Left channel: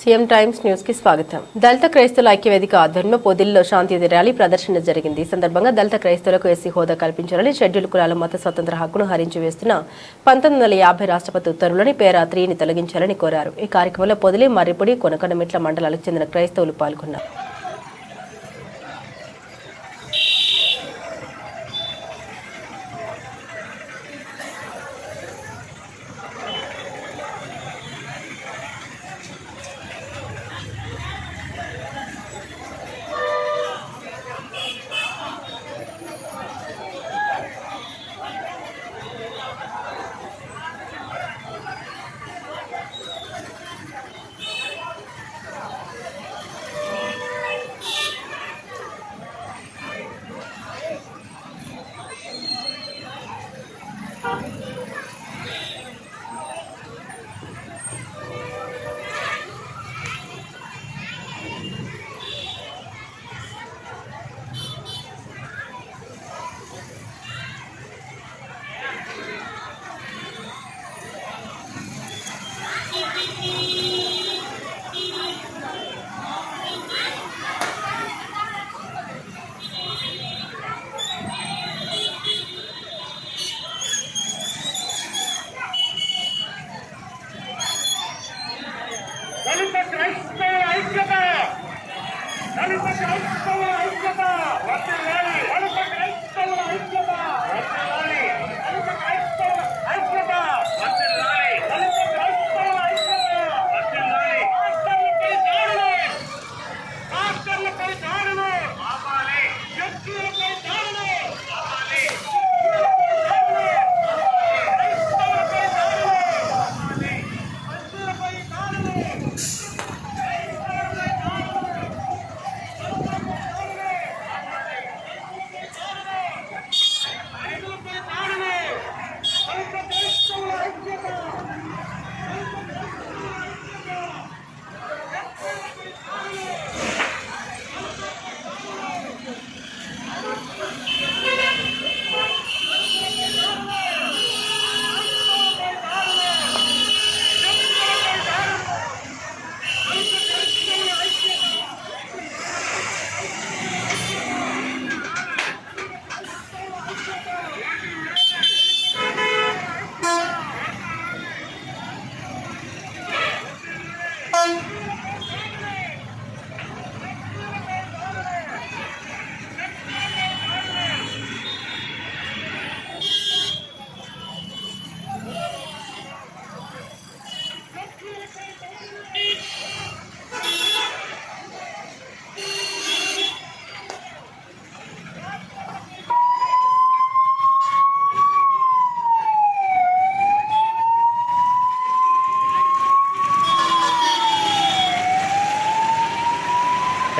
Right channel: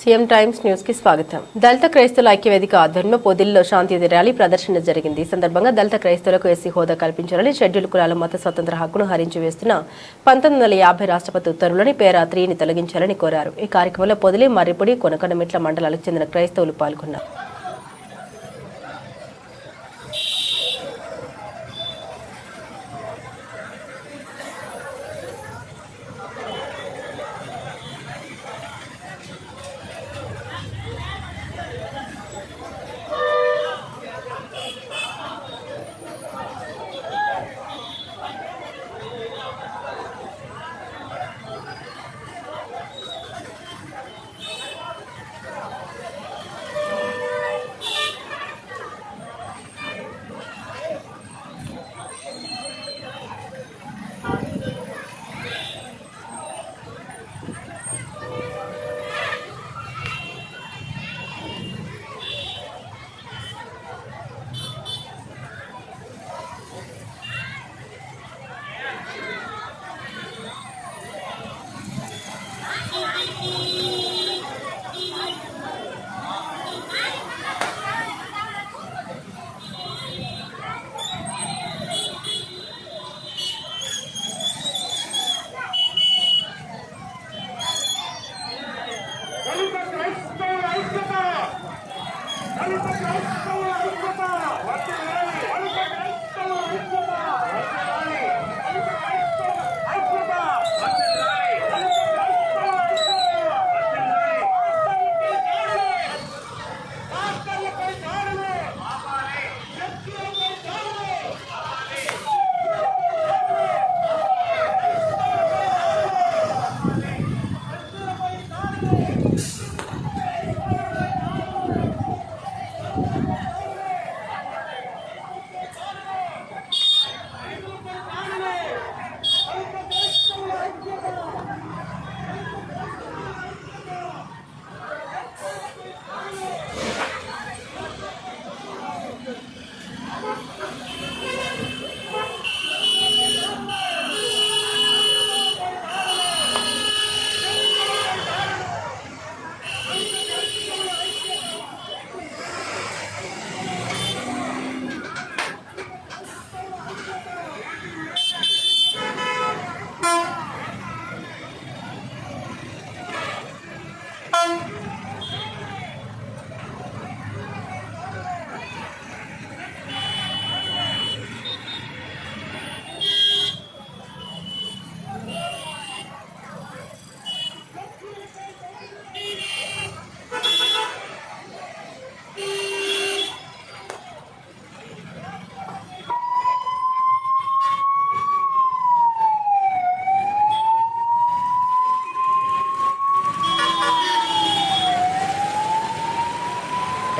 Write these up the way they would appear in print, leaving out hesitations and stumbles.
CM times news కి స్వాగతం. దళిత క్రైస్తవుల ఐక్యవేదిక ఆధ్వర్యంలో పొదిలిలో శాంతియుత ర్యాలీ ప్రదర్శన జరిగింది. ఈ సందర్భంగా దళిత క్రైస్తవులకు ఎస్సీ హోదా కల్పించాలని, షెడ్యూల్ కులాల మత స్వతంత్ర హక్కును హరించి వేస్తున్న 1950 రాష్ట్రపతి ఉత్తర్వులని పేరా 3ని తొలగించాలని కోరారు. ఈ కార్యక్రమంలో పొదిలి, మర్రిపొడి, కొనకొండమిట్ల మండలాలకు చెందిన క్రైస్తవులు పాల్గొన్నారు.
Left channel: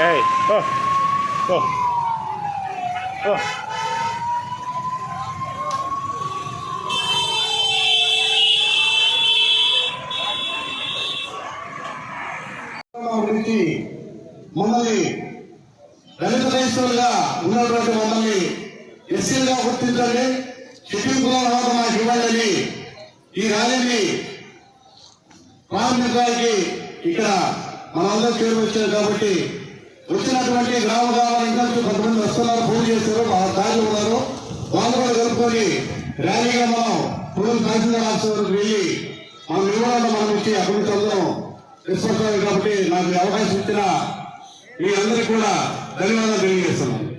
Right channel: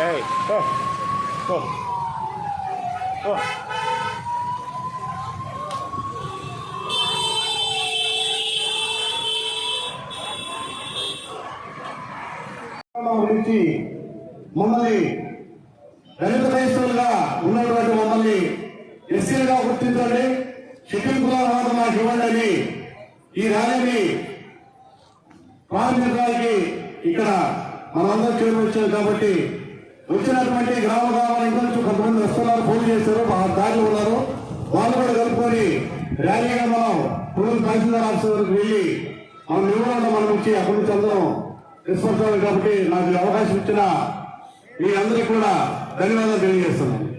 Hey, oh, oh, oh. మమ్మల్ని దళిత క్రైస్తవులుగా ఉన్నటువంటి మమ్మల్ని ఎస్సీలుగా గుర్తించాలి, షెడ్యూల్ కులాల హోదా మాకు ఇవ్వాలని ఈ ర్యాలీని ప్రారంభించడానికి ఇక్కడ మనందరూ చేరు వచ్చారు. కాబట్టి వచ్చినటువంటి గ్రామాల నుంచి కొంతమంది వస్తున్నారు, ఫోన్ చేస్తారు, ఆ దారిలో ఉన్నారు, వాళ్ళు కూడా కలుపుకొని ర్యాలీగా మనం పూర్వం తహసీల్దార్ ఆఫీస్ వరకు వెళ్ళి మనం వివరాలు మనం ఇచ్చి అక్కడి నుంచి అందరం రెస్పాన్స్. కాబట్టి నాకు అవకాశం ఇచ్చిన మీ అందరికీ కూడా ధన్యవాదాలు తెలియజేస్తున్నాను.